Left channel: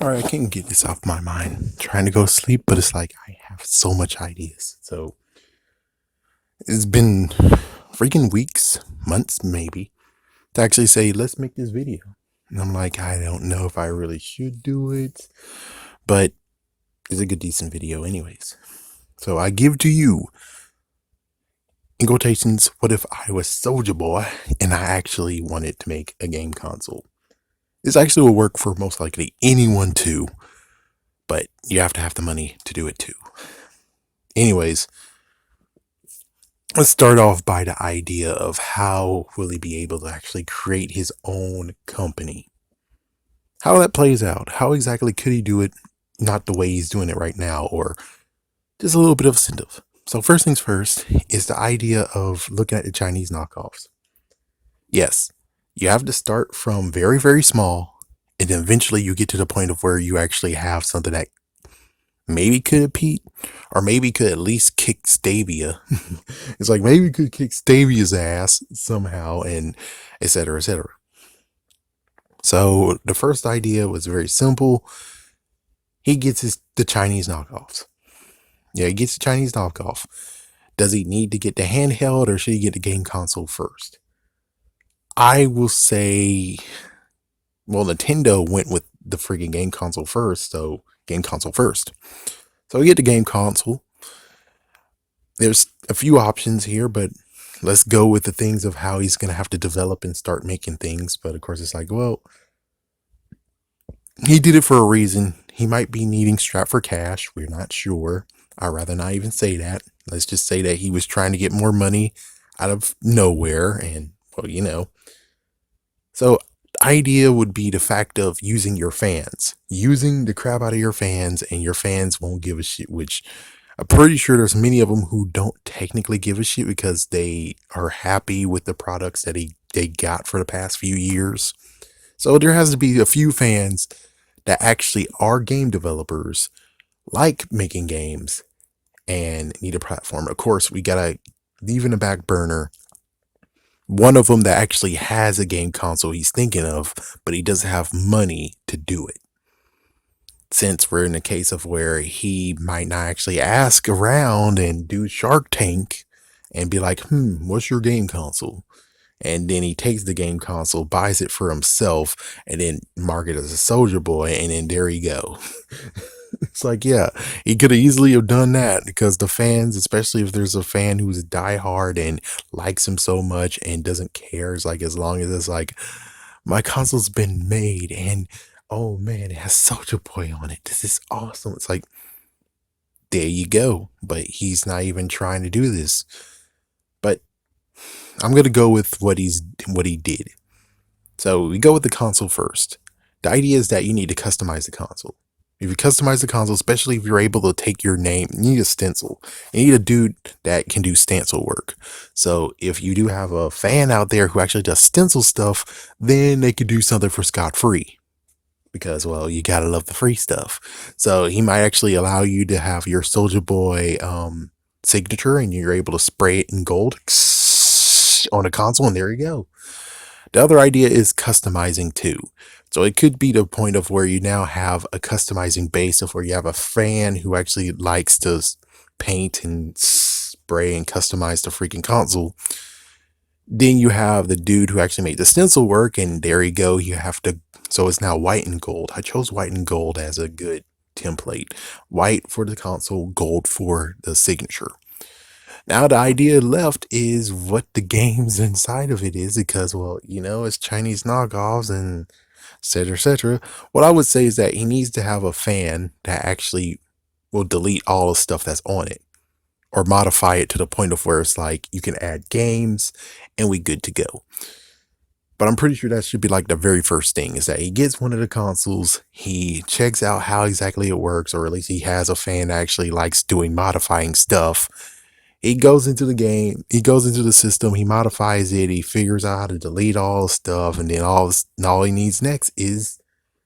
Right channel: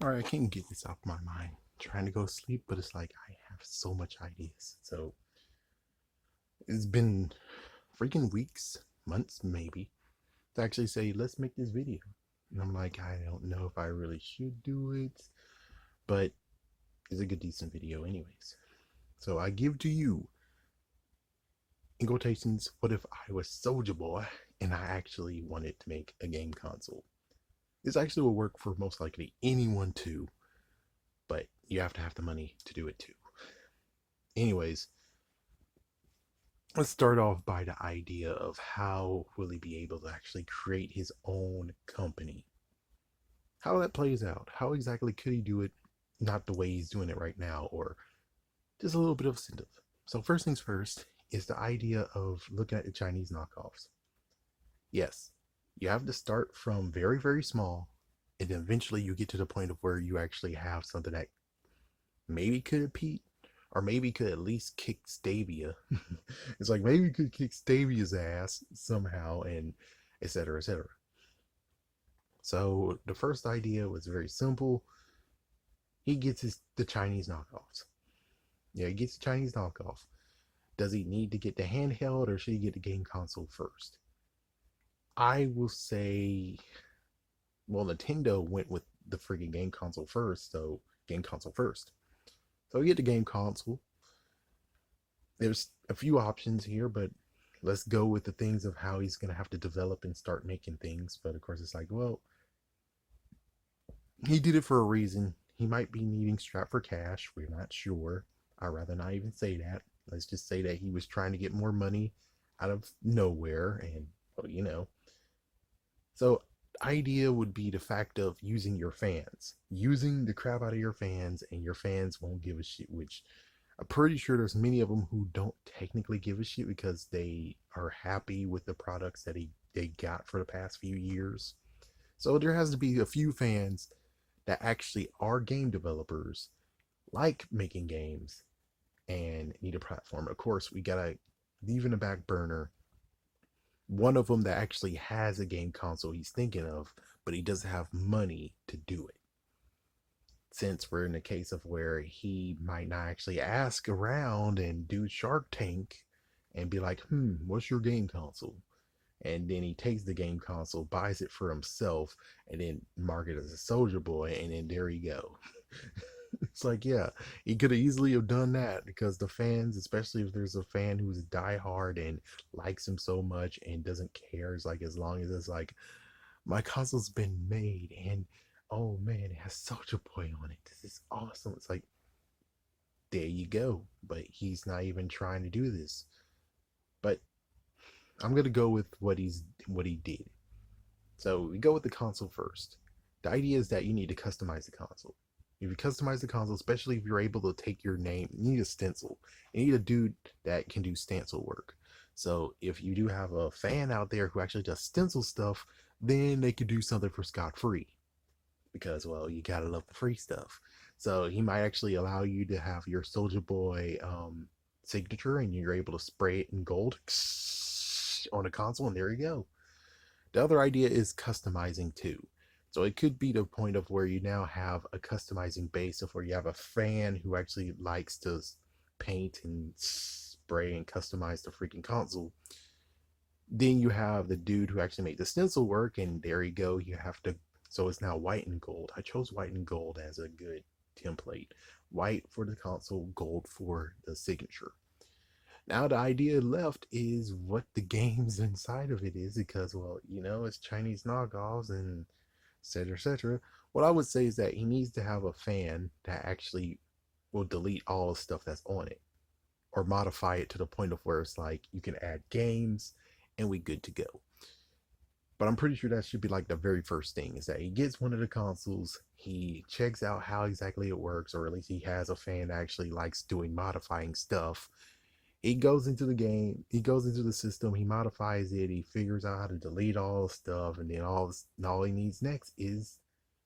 All right, I can't get this off my mind. Trying to go to sleep, but it's like I have so much ideas. So it's been freaking weeks, months maybe, to actually say, let's make this video. And I'm like, I don't know if I really should do it, but it's a good, decent video, anyways. So I give to you, in quotations, what if I was Soulja Boy and I actually wanted to make a game console? This actually will work for most likely anyone too, but you have to have the money to do it too. Anyways, let's start off by the idea of how will he be able to actually create his own company? How that plays out? How exactly could he do it? Not the way he's doing it right now, or just a little bit of incentive. So first things first is the idea of looking at the Chinese knockoffs. Yes, you have to start from very, very small, and then eventually you get to the point of where you actually have something that maybe could compete, or maybe could at least kick Stavia. It's like maybe could kick Stavia's ass somehow, and etc. etc. So the first idea was very simple. He gets the Chinese knockoffs. Yeah, he gets the Chinese knockoff. Does he need to get the handheld, or should he get the game console first? I will say, well, Nintendo went with the freaking game console first, so game console first. So we get the game console. There's a few options here, but let's go with the things of how he's going to have to develop and start making things. But of course, it's like, well, he did it for a reason. He might be needing strap for cash. We're not sure. I'd rather not even say that. Let's just say that he was trying to get more money out of nowhere. And, well, So, idea would be the fact of using your fans, using the crap out of your fans, and your fans won't give a shit, which I'm pretty sure there's many of them who don't technically give a shit because they are happy with the products that they got for the past few years. So there has to be a few fans that actually are game developers, like making games, and need a platform. Of course, we gotta leave in the back burner one of them that actually has a game console he's thinking of, but he doesn't have money to do it. Since we're in a case of where he might not actually ask around and do Shark Tank and be like, what's your game console? And then he takes the game console, buys it for himself, and then market it as a Soulja Boy, and then there you go. It's like, yeah, he could have easily have done that because the fans, especially if there's a fan who's diehard and likes him so much and doesn't care, it's like as long as it's like my console's been made and oh man, it has Soulja Boy on it. This is awesome. It's like there you go. But he's not even trying to do this. But I'm gonna go with what he did. So we go with the console first. The idea is that you need to customize the console. If you customize the console, especially if you're able to take your name, you need a stencil. You need a dude that can do stencil work. So if you do have a fan out there who actually does stencil stuff, then they could do something for scot free. Because, well, you gotta love the free stuff. So he might actually allow you to have your Soldier Boy signature, and you're able to spray it in gold on a console, and there you go. The other idea is customizing too. So it could be the point of where you now have a customizing base of where you have a fan who actually likes to paint and spray and customize the freaking console. Then you have the dude who actually made the stencil work, and there you go. You have to, so it's now white and gold. I chose white and gold as a good template. White for the console, gold for the signature. Now the idea left is what the games inside of it is because, well, it's Chinese knockoffs and etc. etc. What I would say is that he needs to have a fan that actually will delete all the stuff that's on it or modify it to the point of where it's like you can add games and we good to go. But I'm pretty sure that should be like the very first thing is that he gets one of the consoles, he checks out how exactly it works, or at least he has a fan that actually likes doing modifying stuff. He goes into the game, he goes into the system, he modifies it, he figures out how to delete all the stuff, and then all he needs next is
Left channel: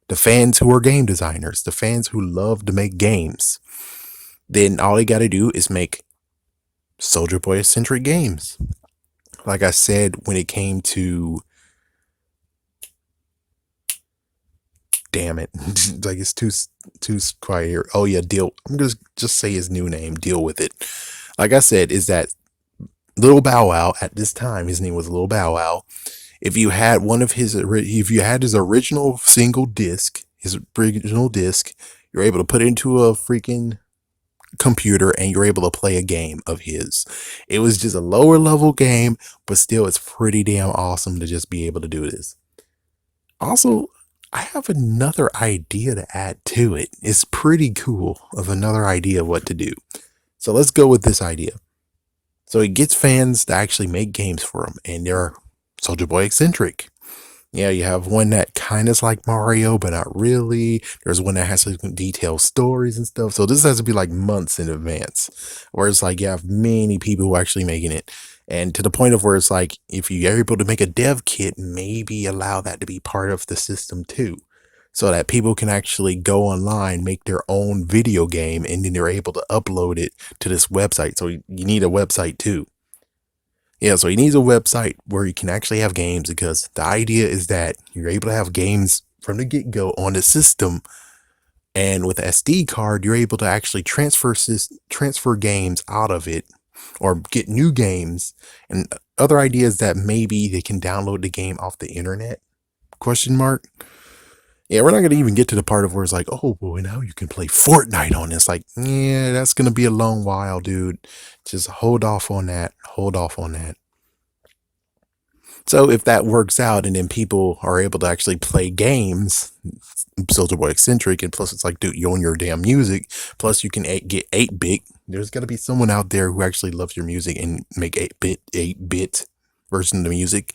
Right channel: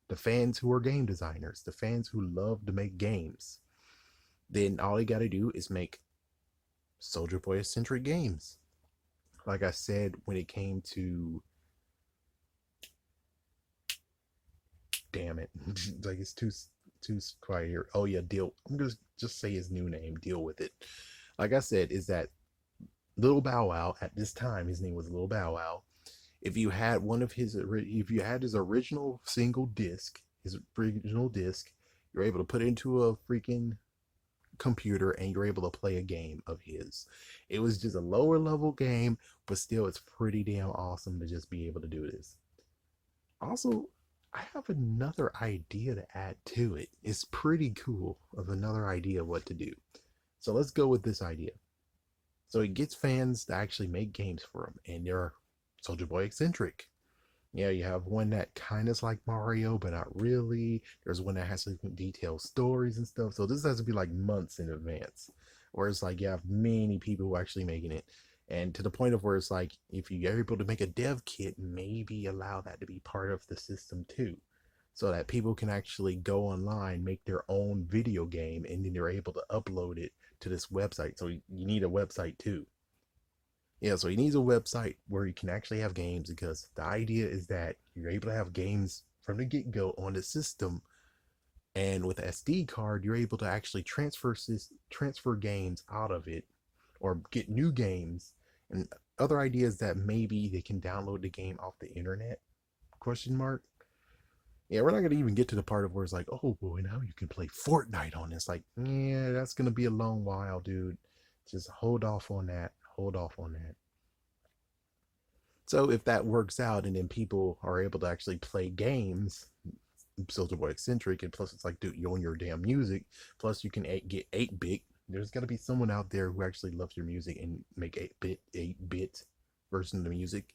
the fans who are game designers, the fans who love to make games. Then all he got to do is make Soldier Boy centric games. Like I said, when it came to damn it. Like it's too quiet here. Oh yeah, deal. I'm gonna just say his new name. Deal with it. Like I said, is that Little Bow Wow at this time? His name was Little Bow Wow. If you had if you had his original single disc, his original disc, you're able to put it into a freaking computer and you're able to play a game of his. It was just a lower level game, but still it's pretty damn awesome to just be able to do this. Also, I have another idea to add to it. It's pretty cool of another idea of what to do. So let's go with this idea. So it gets fans to actually make games for him, and they're Soulja Boy eccentric. Yeah, you have one that kind of is like Mario, but not really. There's one that has some detailed stories and stuff. So this has to be like months in advance. Where it's like you have many people who are actually making it. And to the point of where it's like, if you're able to make a dev kit, maybe allow that to be part of the system too. So that people can actually go online, make their own video game, and then they're able to upload it to this website. So you need a website too. Yeah, so he needs a website where you can actually have games, because the idea is that you're able to have games from the get-go on the system, and with the SD card, you're able to actually transfer games out of it or get new games. And other ideas that maybe they can download the game off the internet? Question mark. Yeah, we're not gonna even get to the part of where it's like, oh boy, now you can play Fortnite on this. Like, yeah, that's gonna be a long while, dude. Just hold off on that. Hold off on that. So if that works out and then people are able to actually play games, Soulja Boy eccentric, and plus it's like, dude, you own your damn music. Plus you can get 8-bit. There's got to be someone out there who actually loves your music and make 8-bit version of the music.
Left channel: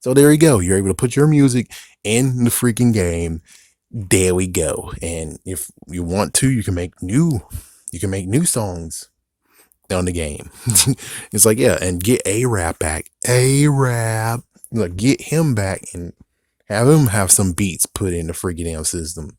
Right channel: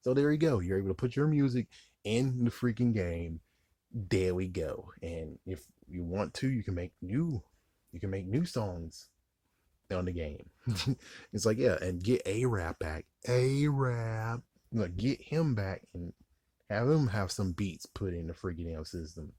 So there you go. You're able to put your music in the freaking game. There we go. And if you want to, you can make new songs on the game. It's like, yeah, and get A-Rap back. A-Rap. Like, get him back and have him have some beats put in the freaking damn system,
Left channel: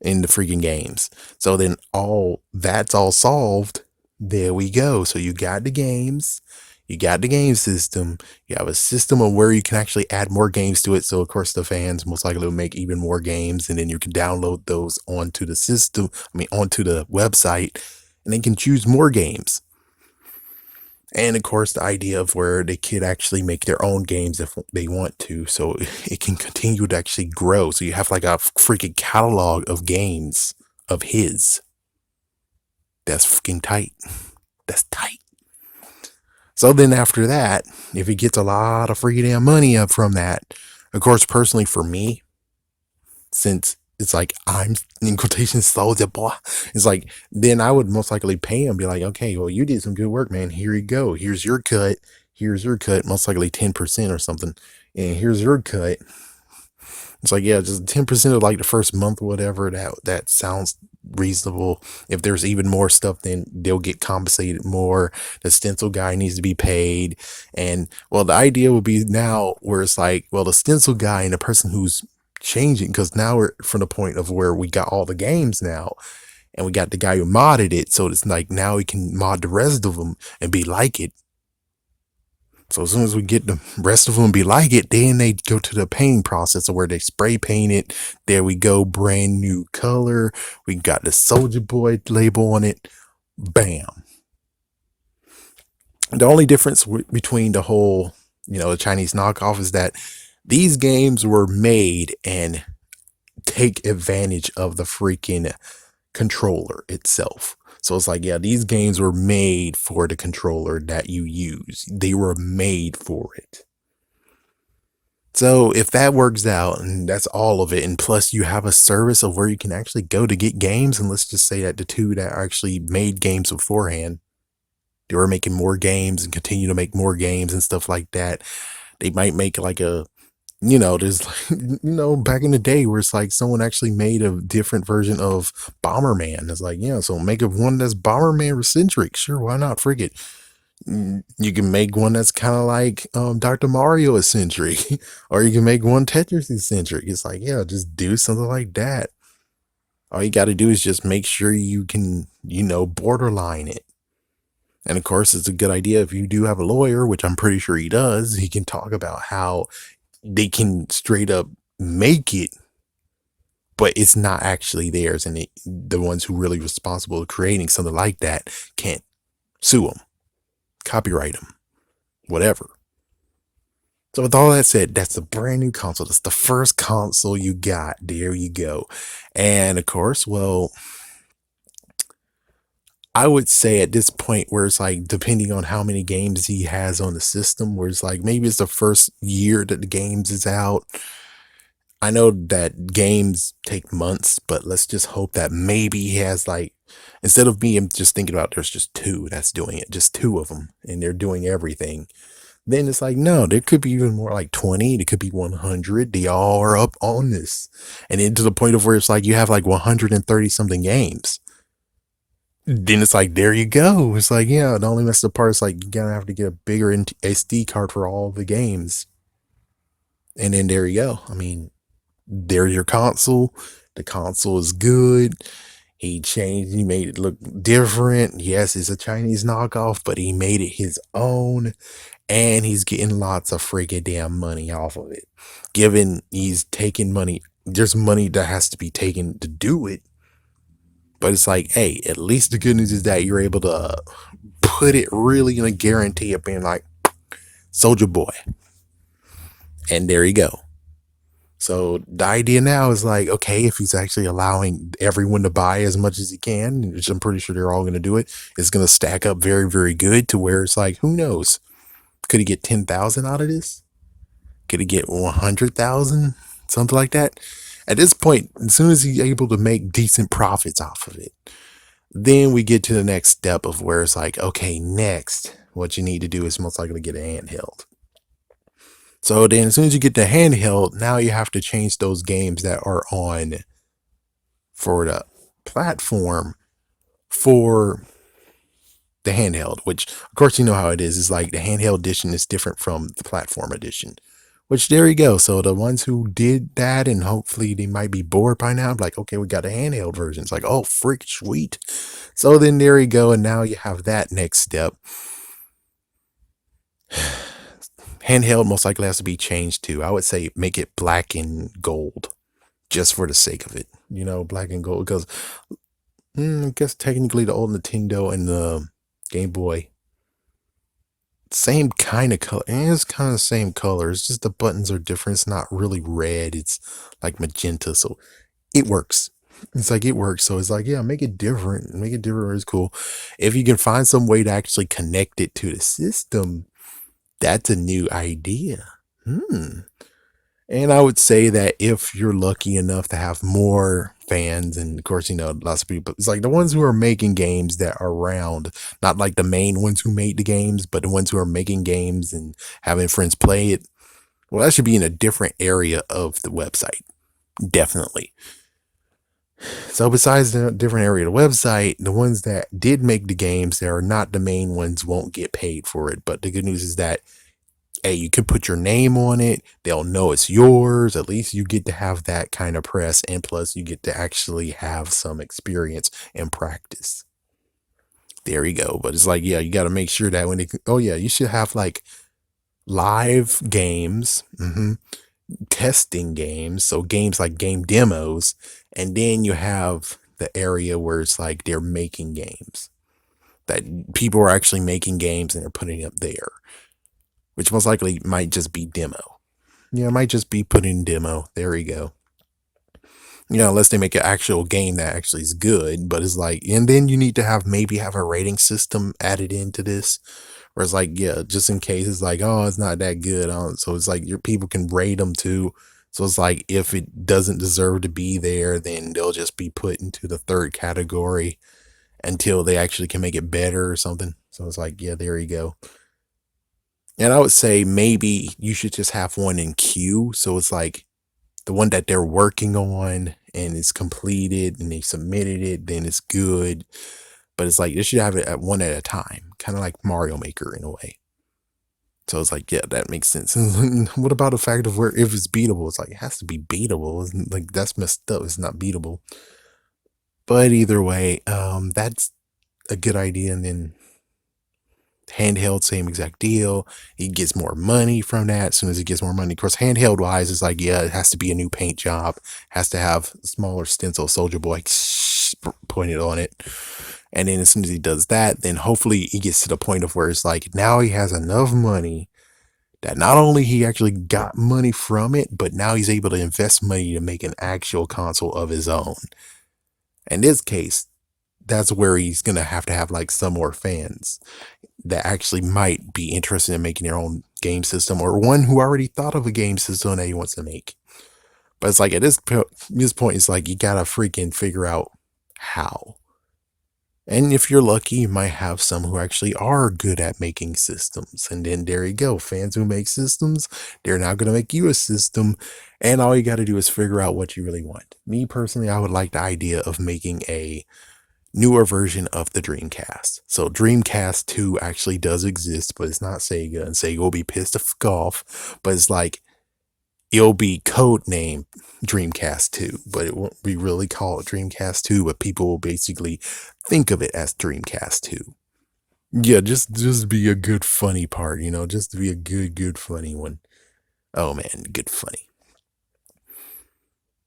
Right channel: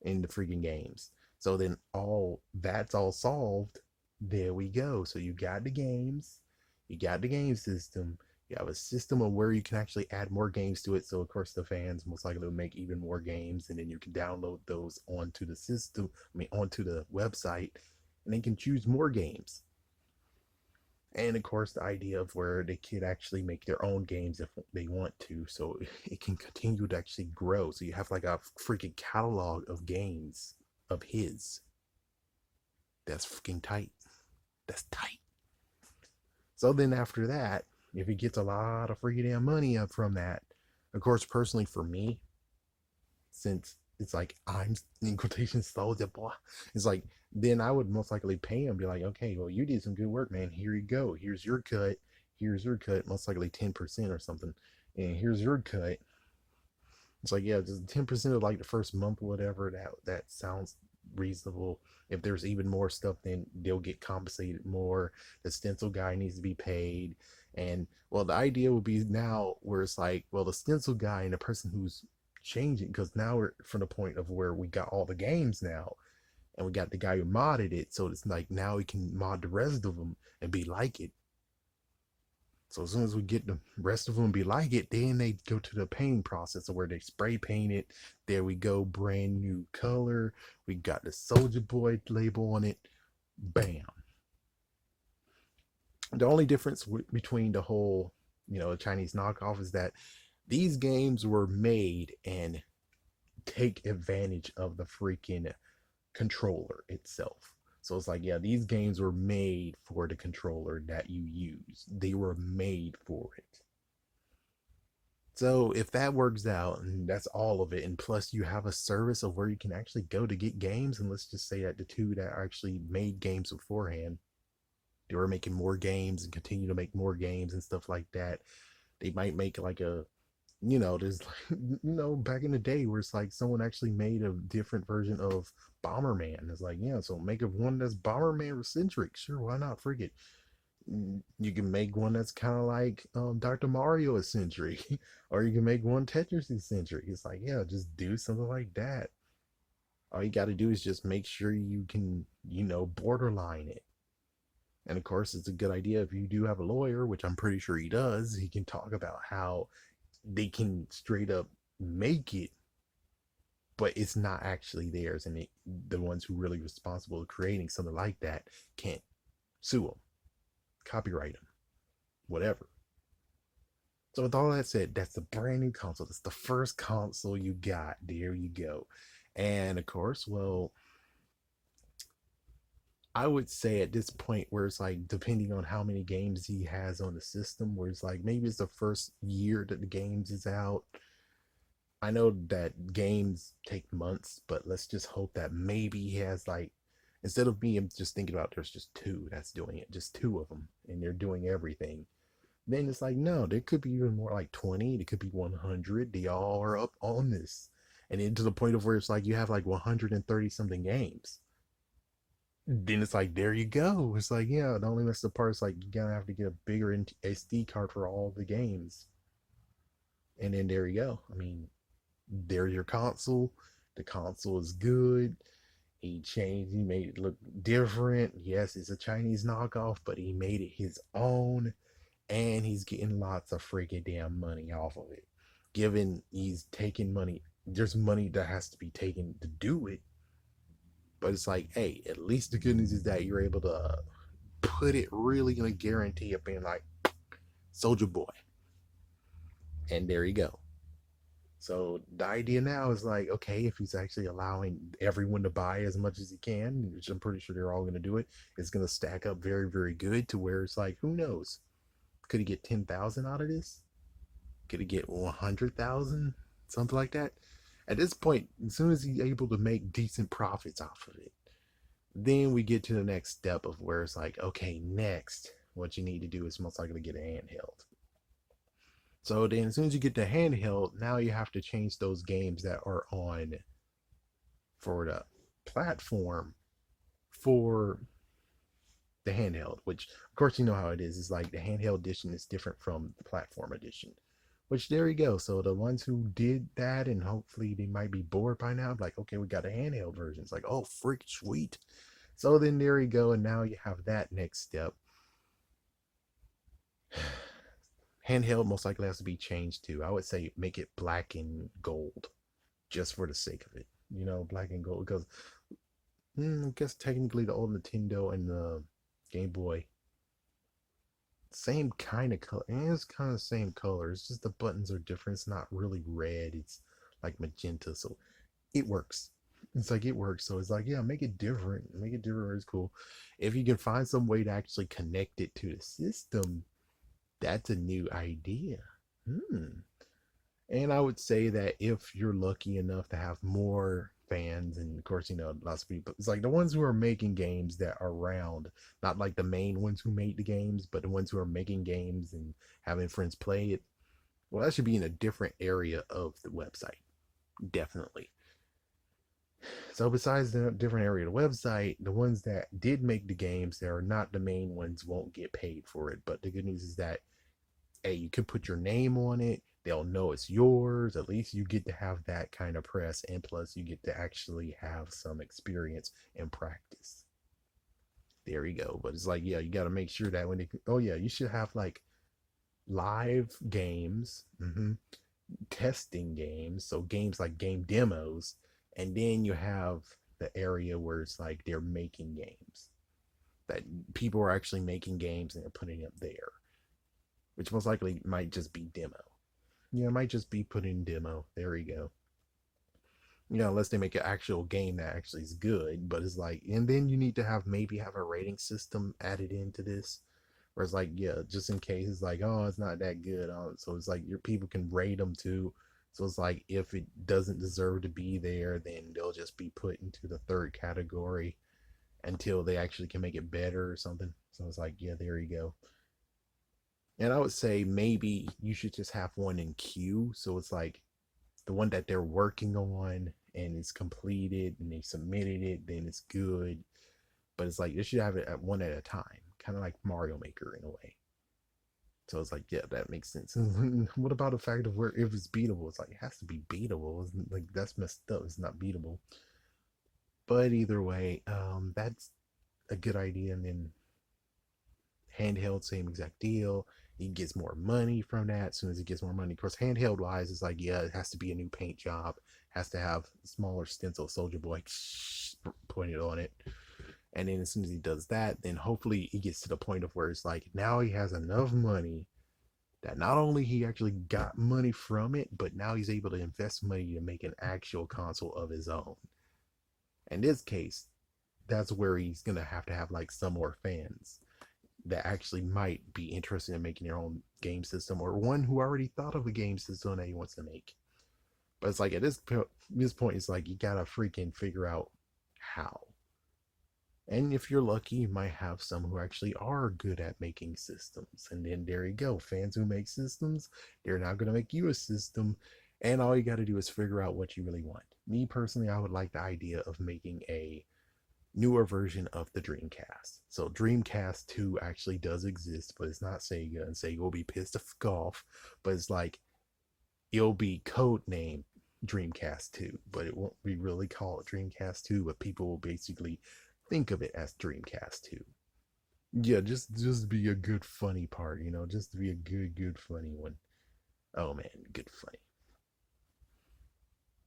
in the freaking games. So then all that's all solved. There we go. So you got the games, you got the game system, you have a system of where you can actually add more games to it. So of course the fans most likely will make even more games, and then you can download those onto the system, onto the website, and they can choose more games. And of course, the idea of where they could actually make their own games if they want to, so it can continue to actually grow. So you have like a freaking catalog of games of his. That's freaking tight. That's tight. So then after that, if he gets a lot of freaking damn money up from that, of course, personally for me, since it's like I'm in quotation Soulja Boy, it's like then I would most likely pay him, be like, okay, well you did some good work, man. Here you go. Here's your cut. Here's your cut. Most likely 10% or something. And here's your cut. It's like, yeah, just 10% of like the first month or whatever. That sounds reasonable. If there's even more stuff, then they'll get compensated more. The stencil guy needs to be paid. And well, the idea would be now where it's like, well, the stencil guy and the person who's changing, because now we're from the point of where we got all the games now, and we got the guy who modded it. So it's like now we can mod the rest of them and be like it. So as soon as we get the rest of them be like it, then they go to the painting process where they spray paint it. There we go, brand new color. We got the Soulja Boy label on it. Bam. The only difference between the whole, the Chinese knockoff is that these games were made and take advantage of the freaking controller itself. So it's like, yeah, these games were made for the controller that you use. They were made for it. So if that works out and that's all of it, and plus you have a service of where you can actually go to get games, and let's just say that the two that actually made games beforehand, they were making more games and continue to make more games and stuff like that. They might make like there's like, back in the day where it's like someone actually made a different version of Bomberman. It's like, yeah, so make a one that's Bomberman centric. Sure, why not? Frig it. You can make one that's kind of like Dr. Mario eccentric, or you can make one Tetris eccentric. It's like, yeah, just do something like that. All you got to do is just make sure you can, borderline it. And of course, it's a good idea if you do have a lawyer, which I'm pretty sure he does. He can talk about how they can straight up make it but it's not actually theirs, and the ones who really responsible of creating something like that can't sue them, copyright them, whatever. So with all that said, that's a brand new console. That's the first console you got. There you go. And of course, well, I would say at this point where it's like depending on how many games he has on the system, where it's like maybe it's the first year that the games is out. I know that games take months, but let's just hope that maybe he has like, instead of me just thinking about there's just two that's doing it, just two of them, and they're doing everything. Then it's like, no, there could be even more, like 20, there could be 100. They all are up on this. And then to the point of where it's like you have like 130 something games. Then it's like, there you go. It's like, yeah, the only messed up part is like you gotta have to get a bigger SD card for all the games. And then there you go. I mean, there's your console. The console is good. He made it look different. Yes, it's a Chinese knockoff, but he made it his own. And he's getting lots of freaking damn money off of it. Given he's taking money, there's money that has to be taken to do it. But it's like, hey, at least the good news is that you're able to put it really in a guarantee of being like Soulja Boy. And there you go. So the idea now is like, okay, if he's actually allowing everyone to buy as much as he can, which I'm pretty sure they're all going to do it, it's going to stack up very, very good to where it's like, who knows? Could he get 10,000 out of this? Could he get 100,000? Something like that. At this point, as soon as he's able to make decent profits off of it, then we get to the next step of where it's like, okay, next, what you need to do is most likely get a handheld. So then as soon as you get the handheld, now you have to change those games that are on for the platform for the handheld, which of course you know how it is like the handheld edition is different from the platform edition, which there you go. So the ones who did that, and hopefully they might be bored by now, like, okay, we got a handheld version. It's like, oh freak, sweet. So then there you go, and now you have that next step. Handheld most likely has to be changed to, I would say, make it black and gold, just for the sake of it, black and gold, because I guess technically the old Nintendo and the Game Boy, same kind of color. It's kind of the same color. It's just the buttons are different. It's not really red. It's like magenta. So it works. It's like it works. So it's like, yeah, make it different. Make it different. It's cool. If you can find some way to actually connect it to the system, that's a new idea. And I would say that if you're lucky enough to have more fans, and of course, lots of people, it's like the ones who are making games that are around, not like the main ones who made the games, but the ones who are making games and having friends play it. Well, that should be in a different area of the website. Definitely. So besides the different area of the website, the ones that did make the games that are not the main ones won't get paid for it. But the good news is that, hey, you can put your name on it. They'll know it's yours. At least you get to have that kind of press. And plus, you get to actually have some experience and practice. There you go. But it's like, yeah, you got to make sure that when oh, yeah, you should have like live games, testing games. So games like game demos. And then you have the area where it's like they're making games. That people are actually making games and they're putting it up there, which most likely might just be demo. Yeah, it might just be put in demo. There we go. Unless they make an actual game that actually is good, but it's like, and then you need to maybe have a rating system added into this, where it's like, yeah, just in case it's like, oh, it's not that good. So it's like your people can rate them too. So it's like, if it doesn't deserve to be there, then they'll just be put into the third category until they actually can make it better or something. So it's like, yeah, there you go. And I would say maybe you should just have one in queue. So it's like the one that they're working on and it's completed and they submitted it, then it's good. But it's like they should have it at one at a time, kind of like Mario Maker in a way. So it's like, yeah, that makes sense. What about the fact of where if it's beatable? It's like it has to be beatable. It's like that's messed up. It's not beatable. But either way, that's a good idea. And then Handheld, same exact deal. He gets more money from that. As soon as he gets more money, of course, handheld wise, it's like, yeah, it has to be a new paint job, has to have smaller stencil, Soulja Boy pointed on it. And then as soon as he does that, then hopefully he gets to the point of where it's like now he has enough money that not only he actually got money from it, but now he's able to invest money to make an actual console of his own. In this case, that's where he's gonna have to have like some more fans that actually might be interested in making their own game system, or one who already thought of a game system that he wants to make. But it's like at this point, it's like you gotta freaking figure out how. And if you're lucky, you might have some who actually are good at making systems. And then there you go. Fans who make systems, they're now going to make you a system. And all you got to do is figure out what you really want. Me personally, I would like the idea of making a newer version of the Dreamcast. So Dreamcast 2 actually does exist, but it's not Sega. And Sega will be pissed off. But it's like, it'll be code name Dreamcast 2, but it won't be really called Dreamcast 2, but people will basically think of it as Dreamcast 2. Yeah, just be a good funny part, just to be a good funny one. Oh man, good funny.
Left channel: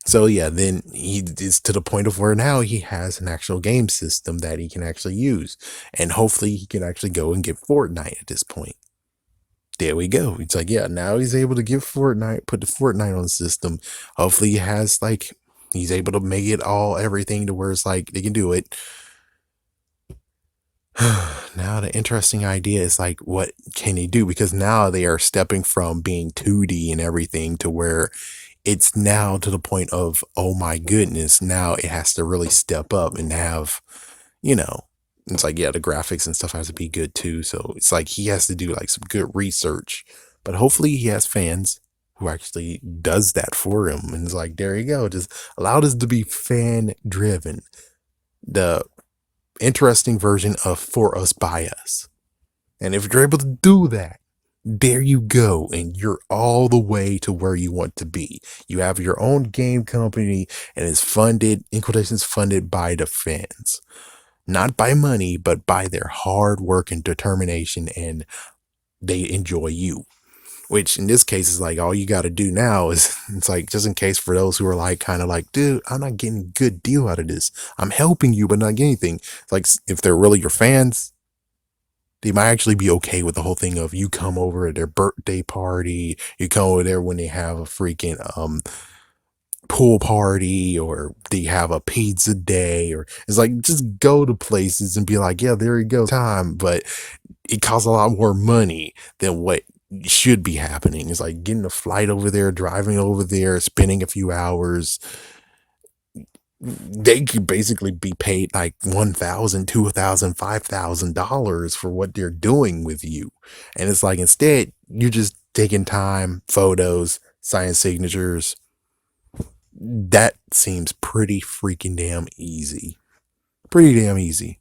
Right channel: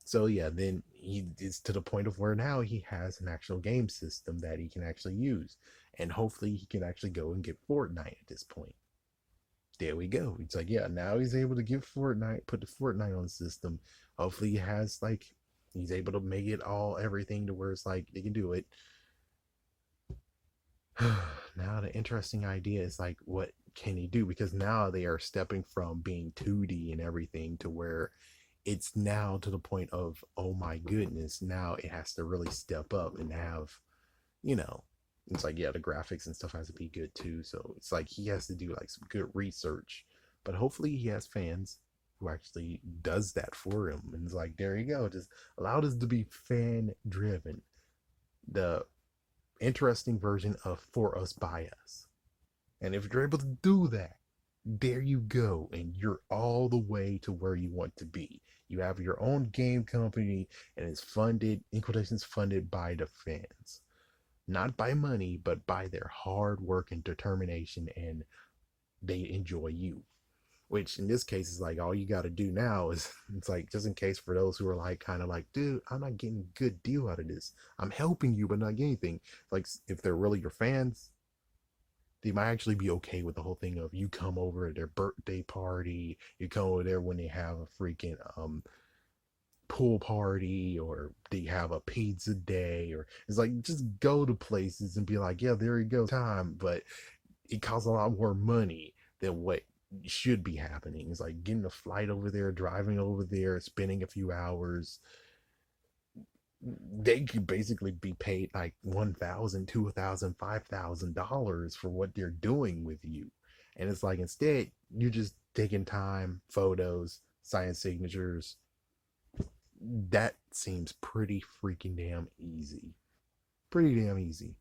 So yeah, then he is to the point of where now he has an actual game system that he can actually use. And hopefully he can actually go and get Fortnite at this point. There we go. It's like, yeah, now he's able to give Fortnite, put the Fortnite on the system. Hopefully he has like he's able to make it all everything to where it's like they can do it. Now the interesting idea is like what can he do? Because now they are stepping from being 2D and everything to where it's now to the point of, oh my goodness, now it has to really step up and have, you know, it's like, yeah, the graphics and stuff has to be good too. So it's like he has to do like some good research, but hopefully he has fans who actually does that for him. And it's like, there you go. Just allow this to be fan driven. The interesting version of for us by us. And if you're able to do that, there you go. And you're all the way to where you want to be. You have your own game company and it's funded, in quotations, funded by the fans. Not by money, but by their hard work and determination, and they enjoy you. Which in this case is like all you got to do now is it's like just in case for those who are like kind of like, dude, I'm not getting a good deal out of this. I'm helping you, but not getting anything. It's like if they're really your fans, they might actually be okay with the whole thing of you come over at their birthday party, you come over there when they have a freaking pool party or they have a pizza day, or it's like just go to places and be like, yeah, there you go, time. But it costs a lot more money than what should be happening. It's like getting a flight over there, driving over there, spending a few hours. They could basically be paid like $1,000, $2,000, $5,000 for what they're doing with you. And it's like instead, you're just taking time, photos, signing signatures. That seems pretty freaking damn easy. Pretty damn easy.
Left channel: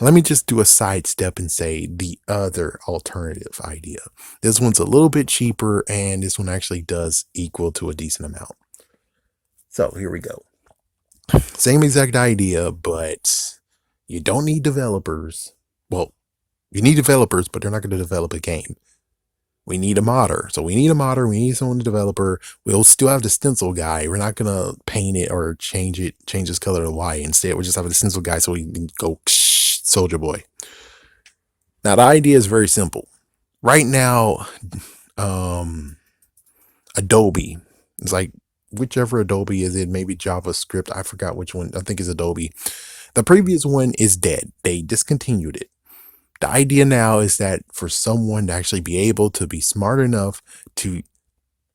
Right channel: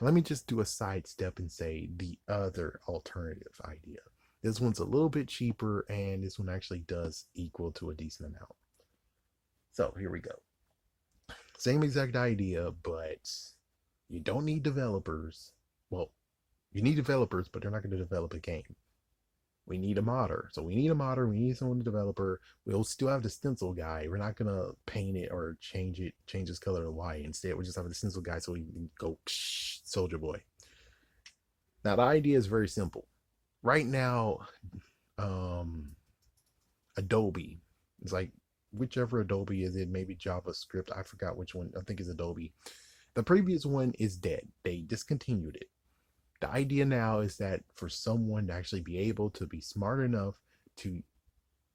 Let me just do a sidestep and say the other alternative idea. This one's a little bit cheaper, and this one actually does equal to a decent amount. So here we go. Same exact idea, but you don't need developers. Well, you need developers, but they're not going to develop a game. We need a modder. So we need a modder. We need someone, a developer. We'll still have the stencil guy. We're not going to paint it or change his color to white. Instead, we just have the stencil guy so we can go Soulja Boy. Now, the idea is very simple. Right now, Adobe, it's like whichever Adobe is it, maybe JavaScript. I forgot which one. I think it's Adobe. The previous one is dead. They discontinued it. The idea now is that for someone to actually be able to be smart enough to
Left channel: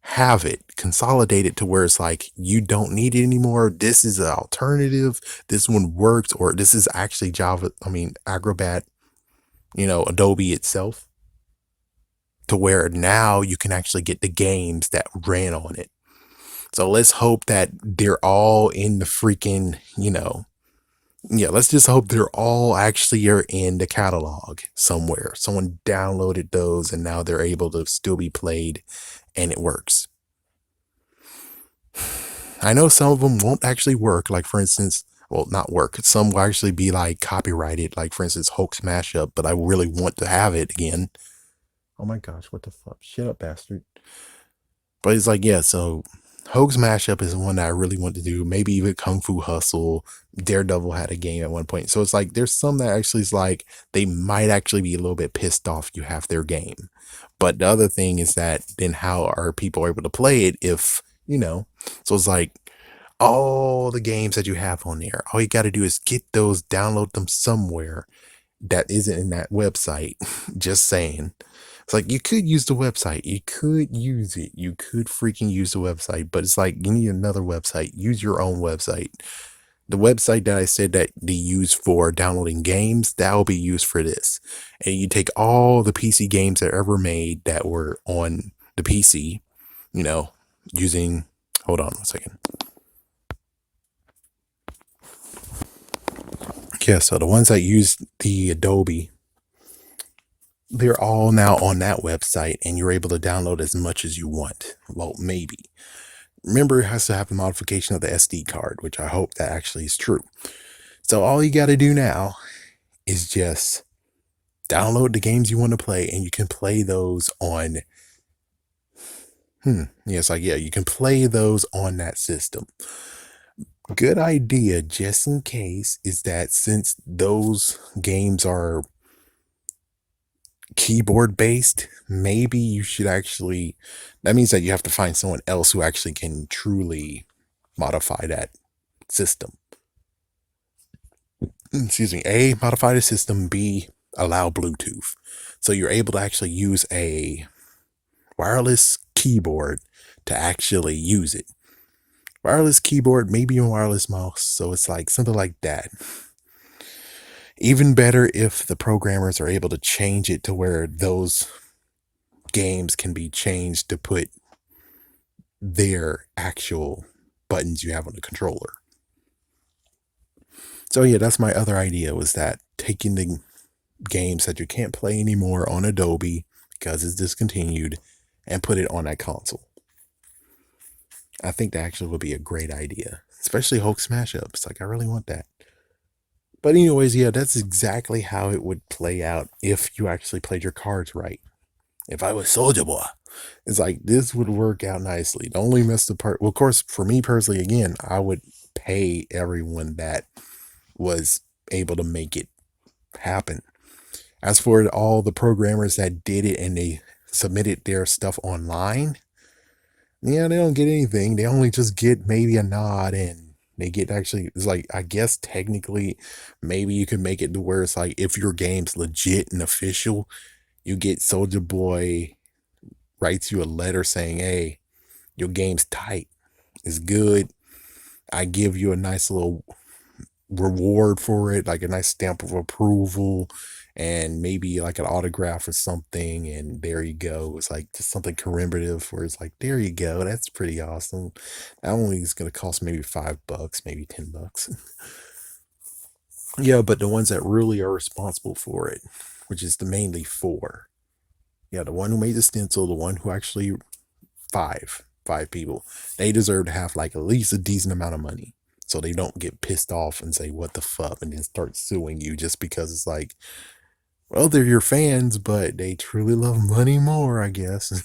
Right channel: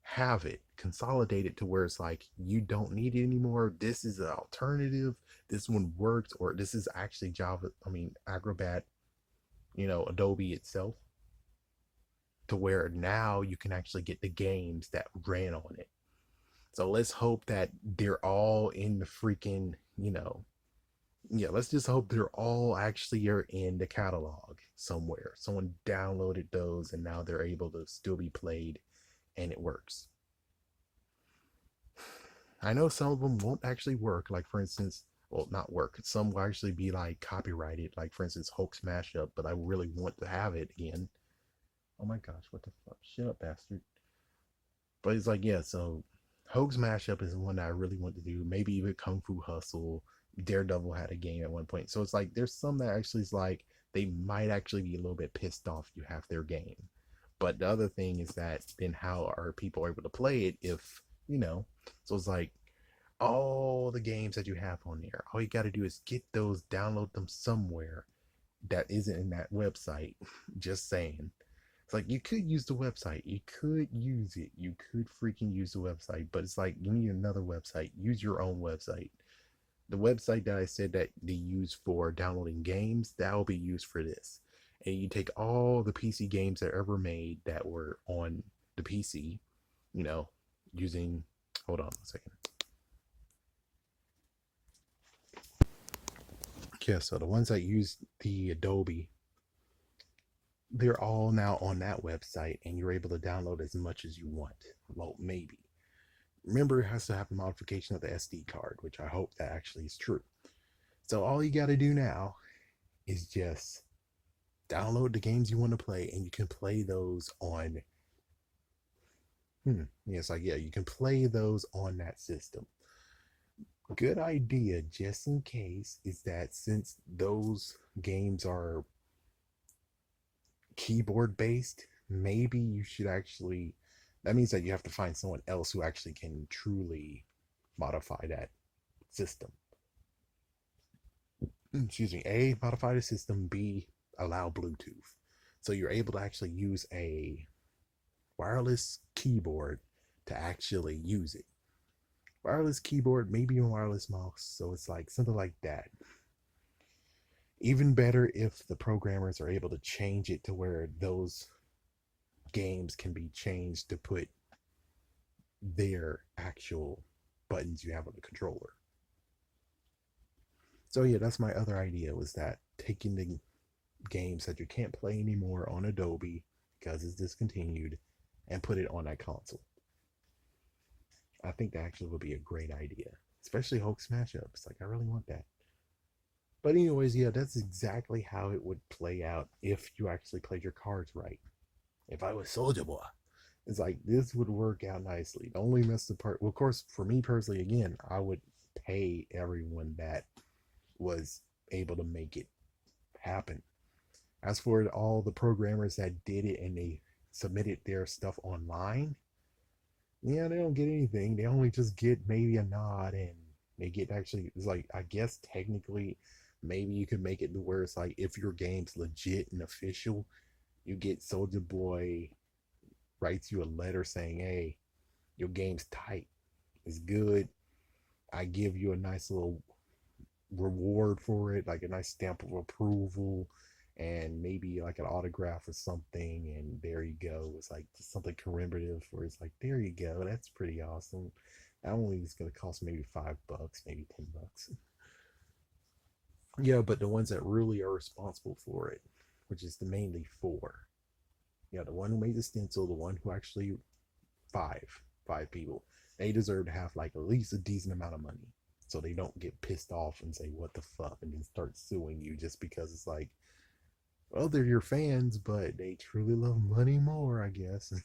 have it consolidated to where it's like you don't need it anymore. This is an alternative. This one works, or this is actually Acrobat, Adobe itself, to where now you can actually get the games that ran on it. So let's hope that they're all in the freaking, yeah, let's just hope they're all actually are in the catalog somewhere. Someone downloaded those and now they're able to still be played and it works. I know some of them won't actually work. Like for instance, Well, not work. Some will actually be like copyrighted, like for instance, Hulk Smash Up, but I really want to have it again. Oh my gosh, what the fuck? Shut up, bastard. But it's like, yeah, so Hoax Mashup is one that I really want to do. Maybe even Kung Fu Hustle. Daredevil had a game at one point. So it's like there's some that actually is like they might actually be a little bit pissed off you have their game. But the other thing is that then how are people able to play it if, so it's like all the games that you have on there, all you got to do is get those, download them somewhere that isn't in that website. Just saying. It's like you could use the website. You could use it. You could freaking use the website, but it's like you need another website. Use your own website. The website that I said that they use for downloading games, that will be used for this. And you take all the PC games that are ever made that were on the PC, you know, using, hold on 1 second. Yeah, so the ones that use the Adobe, they're all now on that website and you're able to download as much as you want. Well, maybe. Remember, it has to have the modification of the SD card, which I hope that actually is true. So all you got to do now is just download the games you want to play and you can play those on, yeah, it's like, yeah, you can play those on that system. Good idea, just in case, is that since those games are keyboard based, maybe you should actually, that means that you have to find someone else who actually can truly modify that system. Excuse me. A, modify the system. B, allow Bluetooth. So you're able to actually use a wireless keyboard to actually use it. Wireless keyboard, maybe a wireless mouse. So it's like something like that. Even better if the programmers are able to change it to where those games can be changed to put their actual buttons you have on the controller. So yeah, that's my other idea, was that taking the games that you can't play anymore on Adobe because it's discontinued and put it on that console. I think that actually would be a great idea, especially Hulk Smash Ups. Like, I really want that. But anyways, yeah, that's exactly how it would play out if you actually played your cards right. If I was Soulja Boy, it's like this would work out nicely. The only messed up part, well, of course, for me personally, again, I would pay everyone that was able to make it happen. As for all the programmers that did it and they submitted their stuff online, yeah, they don't get anything. They only just get maybe a nod and they get actually, it's like, I guess technically, maybe you can make it to where it's like if your game's legit and official, you get Soulja Boy writes you a letter saying, hey, your game's tight. It's good. I give you a nice little reward for it, like a nice stamp of approval and maybe like an autograph or something, and there you go. It's like just something commemorative where it's like, there you go, that's pretty awesome. That only is going to cost maybe $5, maybe $10. Yeah, but the ones that really are responsible for it, which is the mainly four, yeah, the one who made the stencil, the one who actually, five people, they deserve to have like at least a decent amount of money so they don't get pissed off and say what the fuck and then start suing you just because it's like, well, they're your fans but they truly love money more, I guess.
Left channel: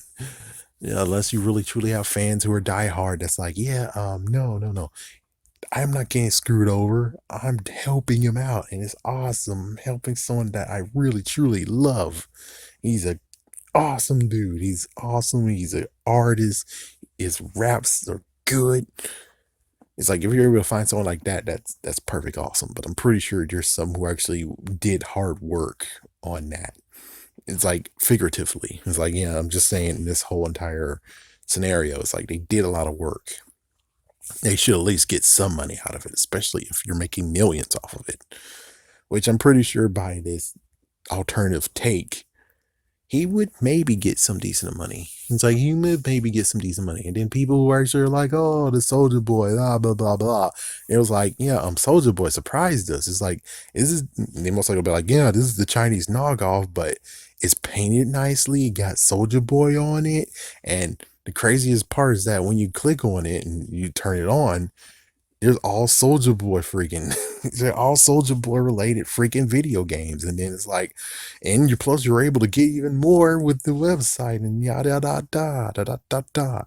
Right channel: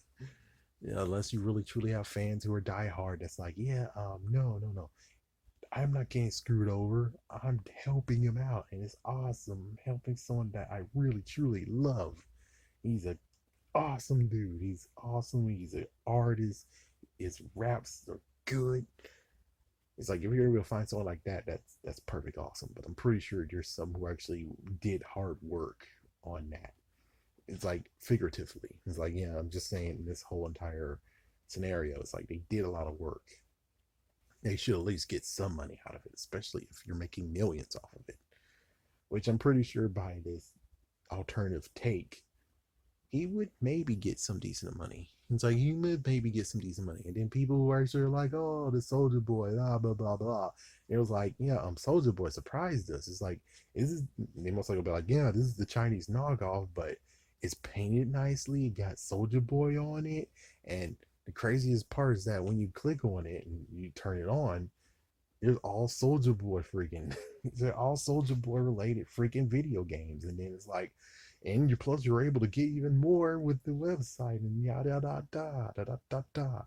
Yeah, unless you really truly have fans who are diehard, that's like, yeah, no, I'm not getting screwed over, I'm helping him out and it's awesome. I'm helping someone that I really truly love. He's a awesome dude. He's awesome. He's an artist. His raps are good. It's like if you're able to find someone like that, that's perfect, awesome. But I'm pretty sure there's some who actually did hard work on that. It's like figuratively. It's like, yeah, I'm just saying this whole entire scenario. It's like they did a lot of work. They should at least get some money out of it, especially if you're making millions off of it. Which I'm pretty sure by this alternative take, he would maybe get some decent money. It's like he would maybe get some decent money. And then people who actually are like, oh, the Soulja Boy, blah, blah, blah, blah. It was like, yeah, Soulja Boy surprised us. It's like, they most likely be like, yeah, this is the Chinese knockoff, but it's painted nicely. It got Soulja Boy on it. And the craziest part is that when you click on it and you turn it on, There's all Soulja Boy freaking, they're all Soulja Boy related freaking video games. And then it's like, and you plus you're able to get even more with the website and yada da da da da da da.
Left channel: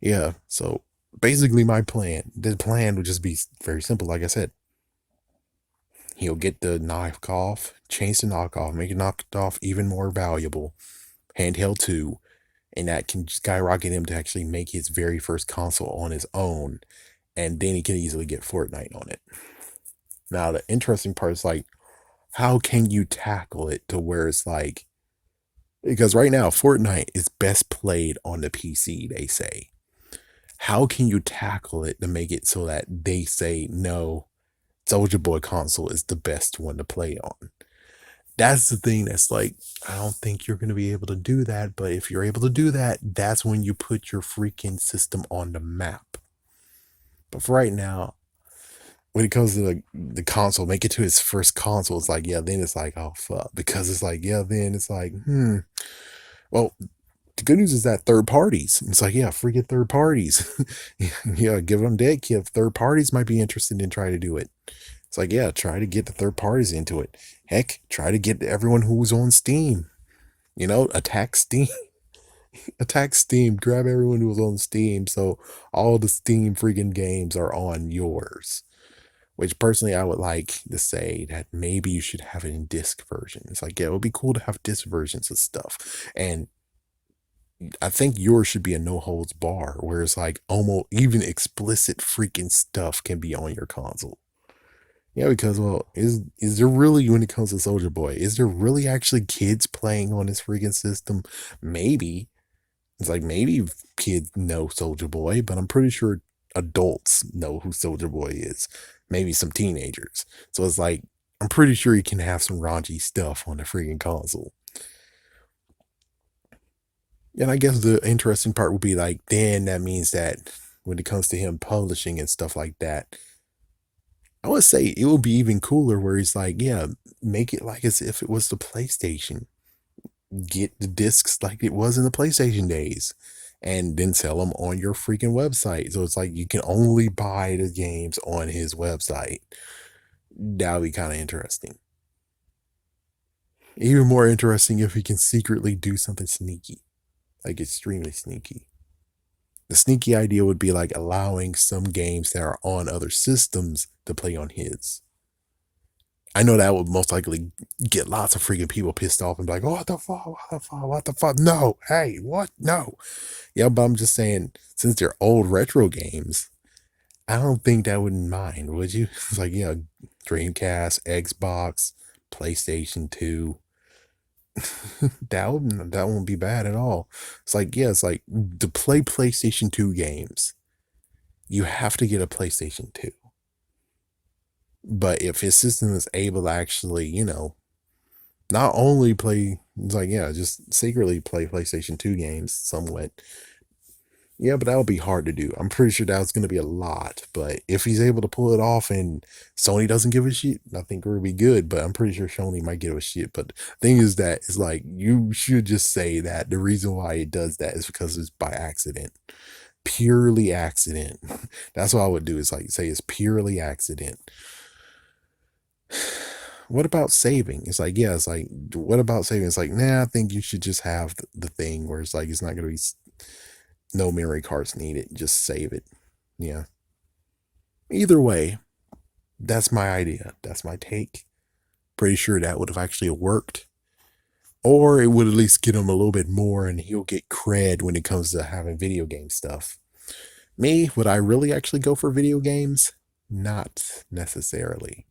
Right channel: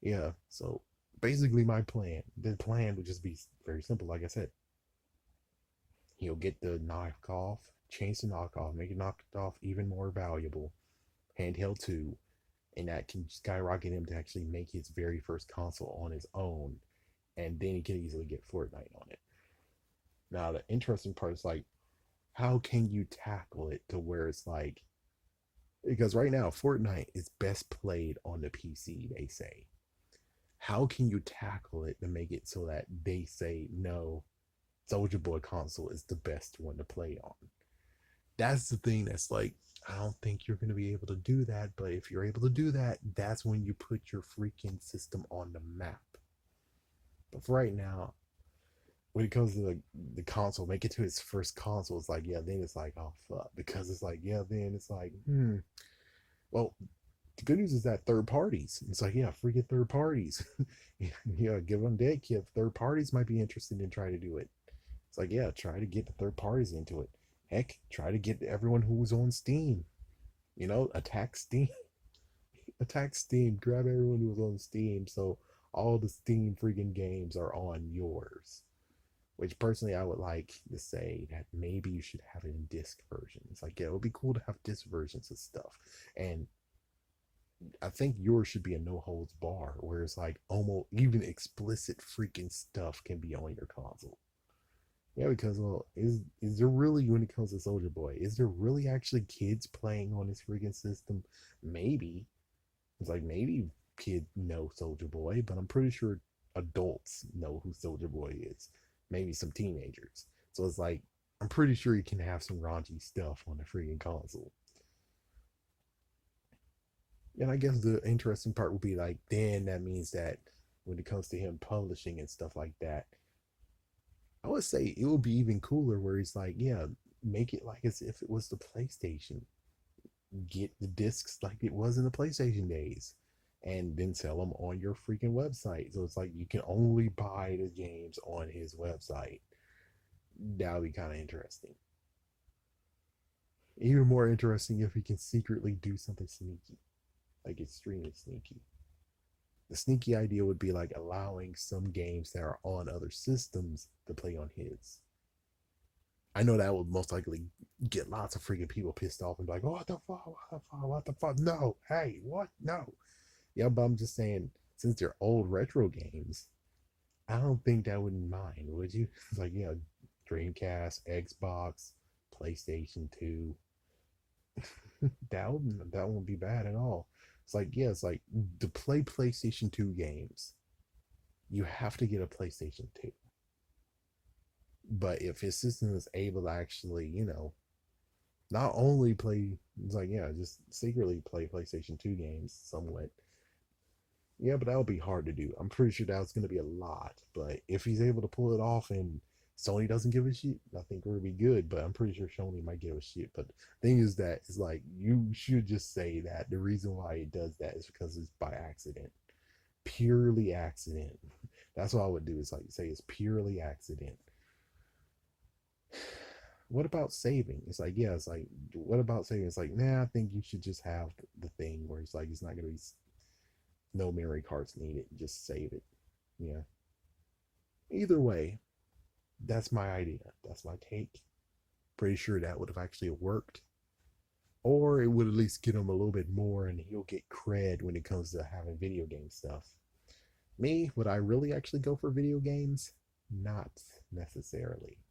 Yeah. So basically, the plan would just be very simple. Like I said, he'll get the knockoff, change the knockoff, make it knocked off even more valuable. Handheld 2, and that can skyrocket him to actually make his very first console on his own, and then he can easily get Fortnite on it. Now, the interesting part is like, how can you tackle it to where it's like, because right now, Fortnite is best played on the PC, they say. How can you tackle it to make it so that they say, no, Soulja Boy console is the best one to play on? That's the thing that's like, I don't think you're going to be able to do that. But if you're able to do that, that's when you put your freaking system on the map. But for right now, when it comes to the console, make it to his first console, it's like, yeah, then it's like, oh, fuck. Because it's like, yeah, then it's like, well, the good news is that third parties. It's like, yeah, freaking third parties. Yeah, give them dead kid. Third parties might be interested in trying to do it. It's like, yeah, try to get the third parties into it. Heck, try to get everyone who's on Steam. Attack Steam. Attack Steam. Grab everyone who's on Steam. So all the Steam freaking games are on yours. Which personally, I would like to say that maybe you should have it in disc version. It's like, yeah, it would be cool to have disc versions of stuff. And I think yours should be a no holds bar, where it's like almost even explicit freaking stuff can be on your console. Yeah, because well, is there really, when it comes to Soulja Boy, is there really actually kids playing on this freaking system? Maybe. It's like maybe kids know Soulja Boy, but I'm pretty sure adults know who Soulja Boy is. Maybe some teenagers. So it's like I'm pretty sure you can have some raunchy stuff on the freaking console. And I guess the interesting part would be like, then that means that when it comes to him publishing and stuff like that, I would say it would be even cooler where he's like, yeah, make it like as if it was the PlayStation. Get the discs like it was in the PlayStation days and then sell them on your freaking website. So it's like you can only buy the games on his website. That would be kind of interesting. Even more interesting if he can secretly do something sneaky, like extremely sneaky. The sneaky idea would be like allowing some games that are on other systems to play on his. I know that would most likely get lots of freaking people pissed off and be like, oh, what the fuck? What the fuck? What the fuck? No. Hey, what? No. Yeah, but I'm just saying, since they're old retro games, I don't think that wouldn't mind, would you? It's like, Dreamcast, Xbox, PlayStation 2. That won't be bad at all. It's like, yeah, it's like to play PlayStation 2 games, you have to get a PlayStation 2. But if his system is able to actually, not only play, it's like, yeah, just secretly play PlayStation 2 games somewhat. Yeah, but that would be hard to do. I'm pretty sure that was going to be a lot. But if he's able to pull it off and Sony doesn't give a shit, I think it would be good. But I'm pretty sure Sony might give a shit. But the thing is that it's like, you should just say that the reason why it does that is because it's by accident. Purely accident. That's what I would do, is like say it's purely accident. What about saving? It's like, yeah, it's like, what about saving? It's like, nah, I think you should just have the thing where it's like, it's not going to be no memory cards needed. Just save it. Yeah. Either way, that's my idea. That's my take. Pretty sure that would have actually worked. Or it would at least get him a little bit more and he'll get cred when it comes to having video game stuff. Me, would I really actually go for video games? Not necessarily.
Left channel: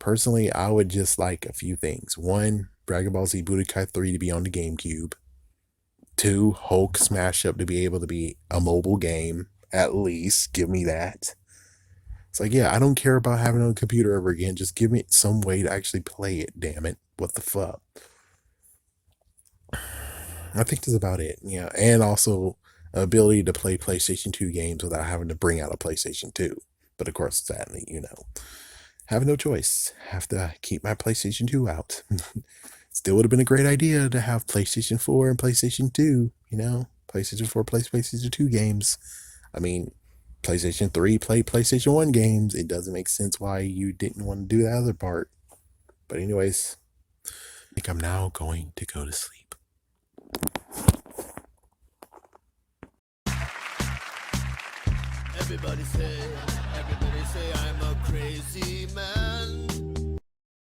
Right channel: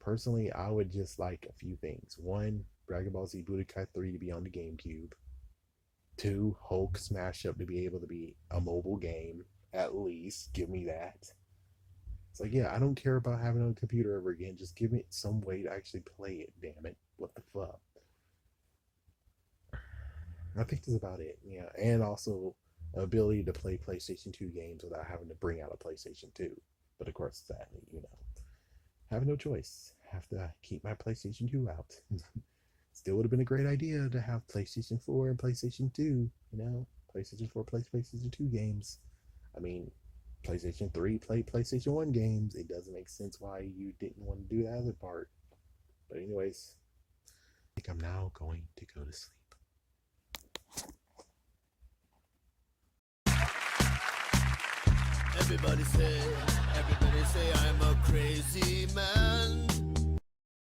Personally, I would just like a few things. One, Dragon Ball Z Budokai 3 to be on the GameCube. Two, Hulk Smash Up to be able to be a mobile game. At least give me that. It's like, yeah, I don't care about having it on a computer ever again. Just give me some way to actually play it, damn it. What the fuck? I think that's about it. Yeah. And also ability to play PlayStation 2 games without having to bring out a PlayStation 2. But of course, sadly, have no choice. Have to keep my PlayStation 2 out. Still would have been a great idea to have PlayStation 4 and PlayStation 2, PlayStation 4 plays PlayStation 2 games. I mean, PlayStation 3, play PlayStation 1 games. It doesn't make sense why you didn't want to do that other part. But anyways, I think I'm now going to go to sleep. Everybody say I'm a crazy man.